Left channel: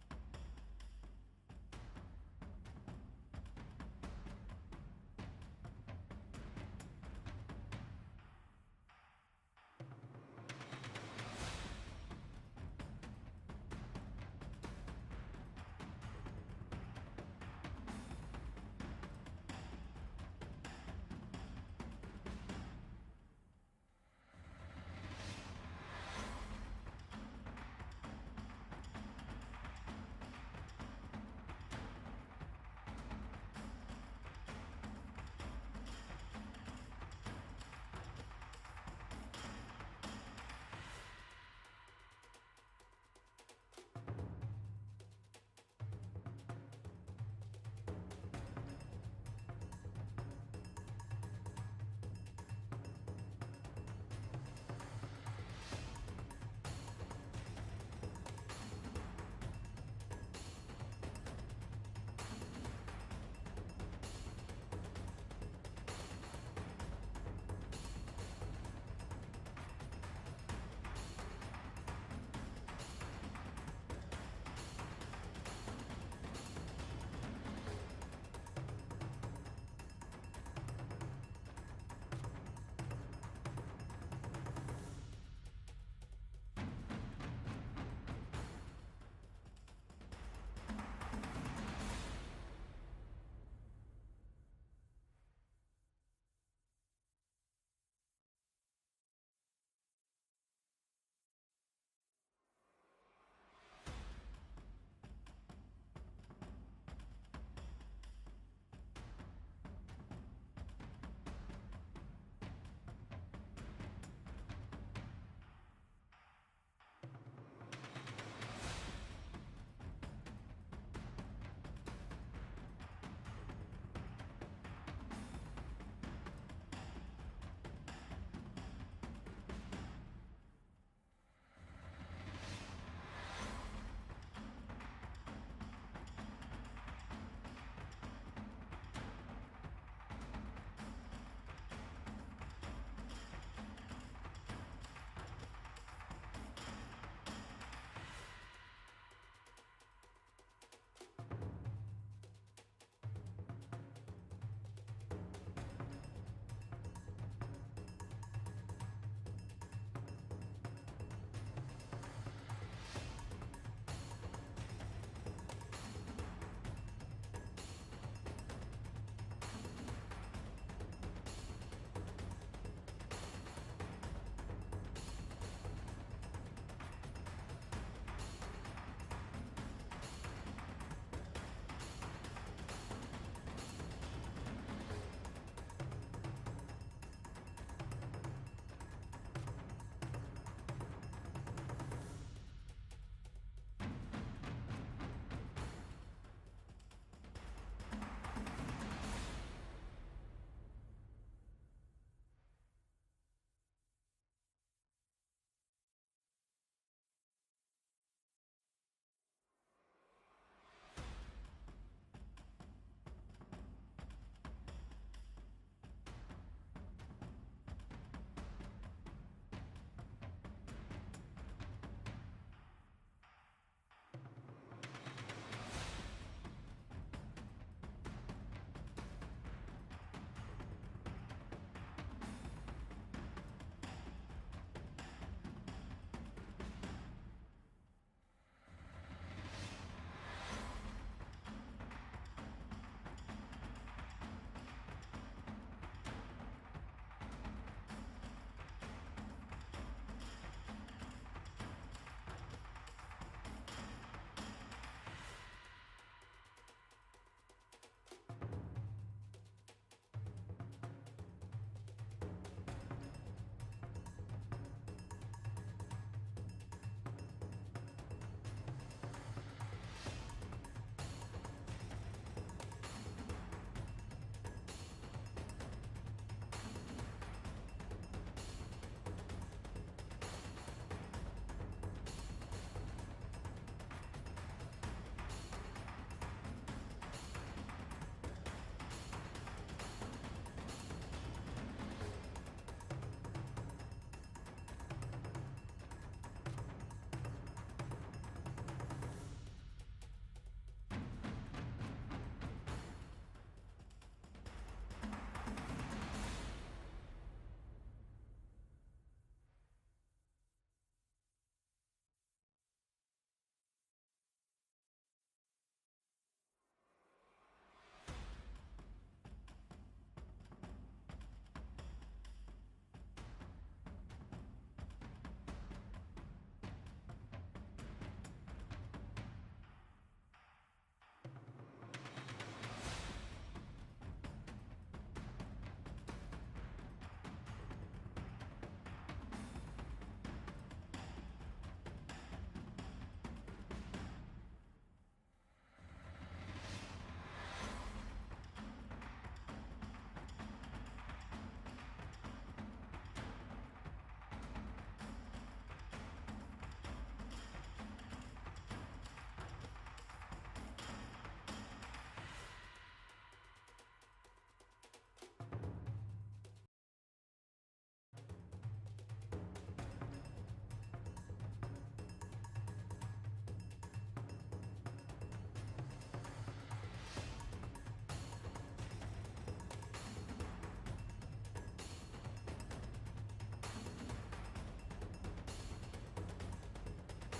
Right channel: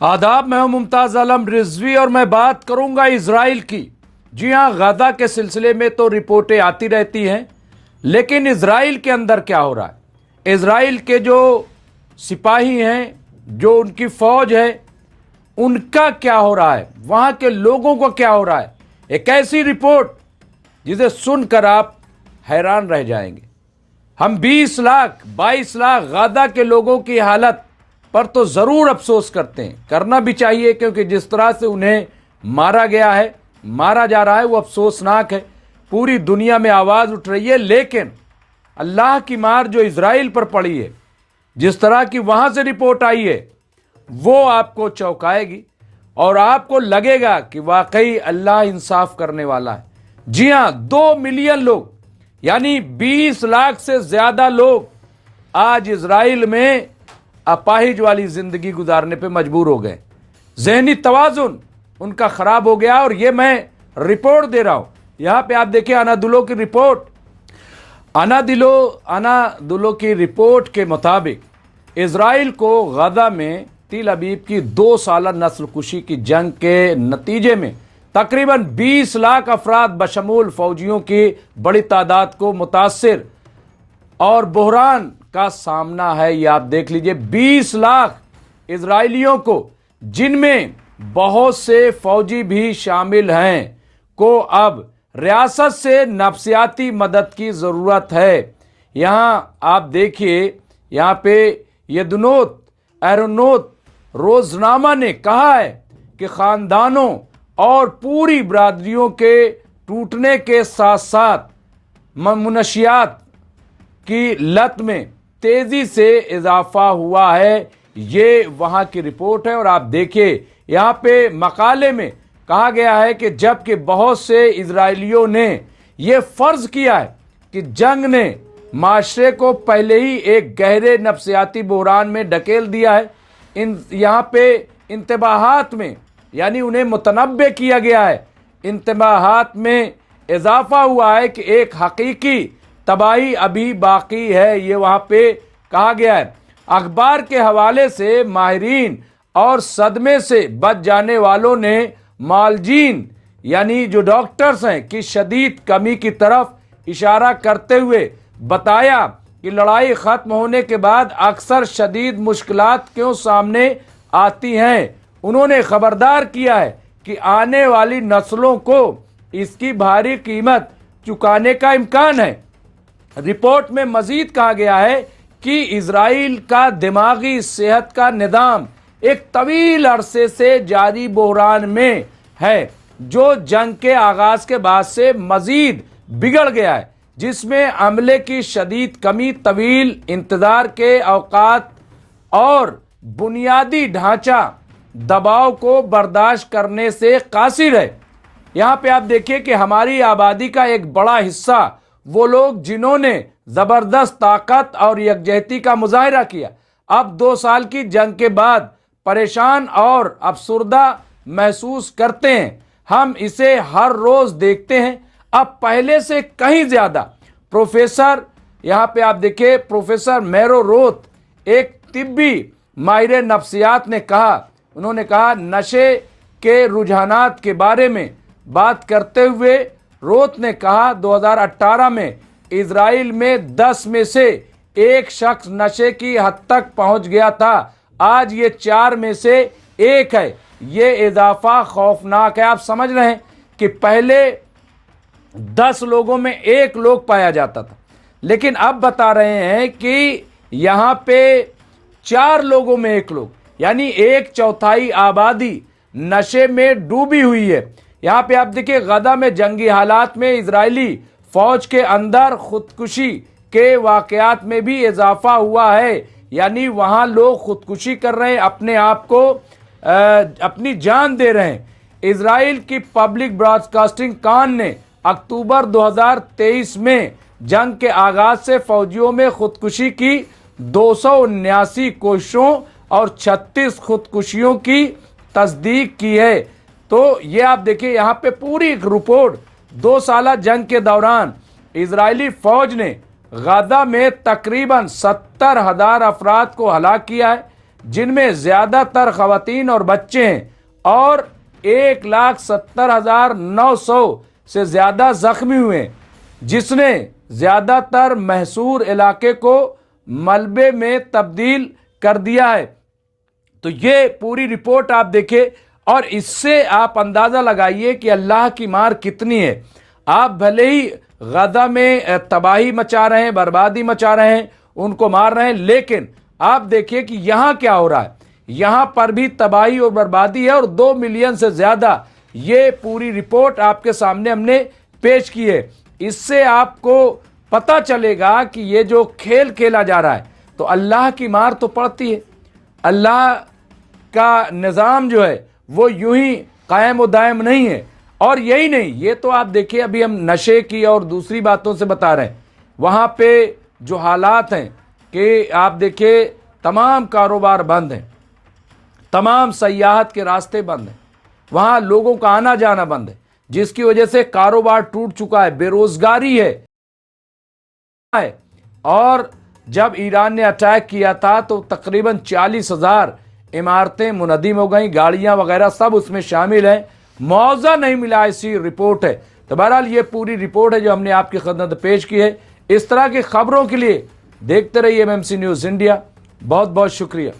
आदाब, मैं हूं मुमताज़ आलम रिजवी और मैं बात करूंगा इजराइल की। जी हां, गाजा के सिलसिले में तो रिपोर्टें आती रहती हैं, लेकिन इजराइल के अंदर क्या हो रहा है, इजराइल के जो सिपाही हैं, जो उनकी फौज है, उनका क्या हो रहा है, वहां के लोगों को क्या हो रहा है। एक ऐसी रिपोर्ट जिसे सुनकर आप हैरान रह जाएंगे। हम 20 लाख 22 लाख गाजा के लोगों की हालत पर तो ज़रूर अफसोस करते हैं, करना भी चाहिए, क्योंकि जिस तरह से उन्हें मारा गया है, मारा जा रहा है, वो अफसोसनाक है। पूरी दुनिया में आवाज़ उठ रही है, लेकिन अल्लाह की मार जो इजराइल पर पड़ी है, जिस तरह की वहाँ से रिपोर्ट आई है, वो आपको चौंकाएगी और आपको लगेगा कि वाकई अल्लाह इंसाफ करने वाला है। जी हाँ, 2 मिलियन लोग यानी 20 लाख से ज़्यादा लोग आज इजराइल में अपाहिज वाली जिंदगी गुजारने पे मजबूर हो गए। जहनी तवाजुन उनका खराब हो गया। और ये मैं रिपोर्ट दे रहा हूं, यहां पे आप देखिए अनादुलो की रिपोर्ट। अनादुलो की रिपोर्ट के मुताबिक इजराइल को गाजा में तिल अबीब की 2 साला नस्ल कुशी की जंग के नतीजे में तकरीबन 20 लाख अफराद बशमूल फौजियों की बड़ी तादाद को मुतासिर और बहरान का सामना है। ये आप देख लीजिए, 20 लाख इजराइलियों को, जिनमें बहुत से फौजी भी शामिल हैं, को अब रियासत से नफ्सियाती मदद की ज़रूरत है। यहाँ आप देखिए, यहाँ पे येदनोत एरोनोत रोजनामा ने कहा है कि ख़ानदानों और पूरी बरादरियों के टूटने के साथ साथ मुनशियात की लत में तेजी से इजाफा हुआ है। ये वहाँ की रिपोर्ट है। और आप देखिए, यहाँ पे मकाले में कहा गया है कि जबकि बहुत से इजराइलियों ने ये फ़र्ज़ किया है कि जंग ने माशरे को पहले ही एक गहरे नफ्सियाती बहरान में ढकेल दिया है, यहाँ पे इंतबाहात में यानी उन्हें मुतनब्बे किया गया है, इंतबाहात में इजाफा हुआ है कि एक हकीकी तबाही अभी बाकी है। ये वहाँ पे कहा गया है। अखबार के हवाले से माहिरीन और सदमे से बच जाने वालों ने मालजीन यानी जो डॉक्टर्स हैं की शदीद कमी की तरफ इशारा करते हुए बताया कि लड़ाई ख़त्म होने के बाद अक्सर शदीद मुश्किलात क्यों सामने आती हैं। उन्होंने खबरदार किया है कि आने वाली नस्लों को इसकी भारी कीमत चुकाने का इम्कान है। रिपोर्ट में मजीद कहा गया है कि इजराइल का दिमागी सेहत का निज़ाम एक तवील अरसे से जारी बहरान में है, जो जंग के आगाज के बाद से मजीद बिगड़ गया है, जिसमें अमले की शदीद कमी, तवील इंतजार के औकात और बुनियादी ढांचा दबाव को बर्दाश्त करने से कासिर है। यहाँ पे आप देखिए कि हमारी आबादी का एक बड़ा हिस्सा वो लोग जिन्होंने ज़बरदस्त ताकत और यकजहती का मुजाहिरा किया, अब 2 साल की जंग के बाद परेशान और अफसुर्दा महसूस करते हैं। हम इसे हर रोज़ देखते हैं, अब पहले से कहीं ज़्यादा। प्रोफेसर, यहाँ पे आप देखिए, प्रोफेसर मैरो रोथ, एक तिब्बी माहिर नफ्सियात ने कहा, उन्होंने कहा, नशे के रुझानात के बारे में बात करते हुए रोथ ने कहा 2018 में इजराइल में 10 में से 1 शख्स नशे की हद तक पहुंच गया था, आज ये 4 में से 1 है। ये इजाफा खौफनाक है। आप समझ रहे हैं कि पहले 10 लोगों में 1 लोग पाया जाता था, लेकिन अब बता रहे हैं कि यहाँ पे 4 लोगों में 1 लोग, यानी 1/4 आबादी नशे में डूबी हुई है। यहाँ पे आप देखिए, गाजा में जंगी हालात में इजरायली फौज के अंदर खुदकुशी के वाकयात में भी इजाफा हुआ है, यानी वहाँ लोग खुदकुशी कर रहे हैं, अपने आप को अपनी जान दे रहे हैं। इजराइल की पब्लिक ब्रॉडकास्टिंग कान ने अक्टूबर 2023 में जंग के आगाज से फौजियों में खुदकुशी की 279 कोशिशों और 36 खुदकुशियों की तस्दीक की है। तो ये आप देखिए, यहाँ पे पूरी एक रिपोर्ट, 2 साला जंग के दौरान इजरायली फौज ने गाजा में तकरीबन 70,000 अफराद को हलाक किया है, جن میں زیادہ تر خواتین اور بچے ہیں، اور 1,70,900 سے زیادہ زخمی ہوئے، جس نے زیادہ تر محصور علاقے کو ملبے میں تبدیل کر دیا ہے۔ تو یہ پوری رپورٹ آپ دیکھیں اور اس سے آپ اندازہ لگائیے کہ اللہ کی مار کتنی ہے۔ آپ بھلے ہی غزہ میں تباہی مچا رہے ہیں، بربادی مچا رہے ہیں، ان کو مار رہے ہیں، لیکن آپ دیکھیے کہ یہاں کیا ہو رہا ہے۔ یہاں پر بھی تباہی اور بربادی ہے، اور 2 ملین سے زیادہ، یہ پوری رپورٹ آپ کے سامنے ہم نے پیش کی ہے۔ اس سے آپ کو پتہ چلے گا کہ یہ جو کھیل کھیلا جا رہا ہے تو اللہ کی مار تو پڑتی ہے۔ اللہ کا نظام جو ہے وہ یوں ہی قائم و دائم نہیں ہے۔ اور یہی نہیں، یہ تو آپ دیکھیں، ابھی ہم نشے کی اور دوسری باتوں سے بتا رہے ہیں، وہاں پہ جو حالات ہیں کہ آپ دیکھیں تمام کاروبار بند ہیں، تمام سیاحت کے راستے بند ہیں، وہاں لوگوں کا آنا جانا بند ہے، جس کی وجہ سے کاروبار ٹوٹ چکا ہے، بے روزگاری ہے۔ اور جب ایران نے اٹیک کیا تھا تو تقریباً 40,000 عمارتیں منہدم ہو گئیں، گاڑیاں وغیرہ سب اس میں شامل ہیں، معاوضہ نہیں ملا، ایسی رپورٹ ہے۔ تو بہرحال یہ پوری رپورٹ ہے جو ہم نے آپ کی خدمت پیش کی ہے۔ اس طرح کی خبروں کے لیے دیکھتے رہیے MMC نیوز انڈیا۔ بہت بہت شکریہ۔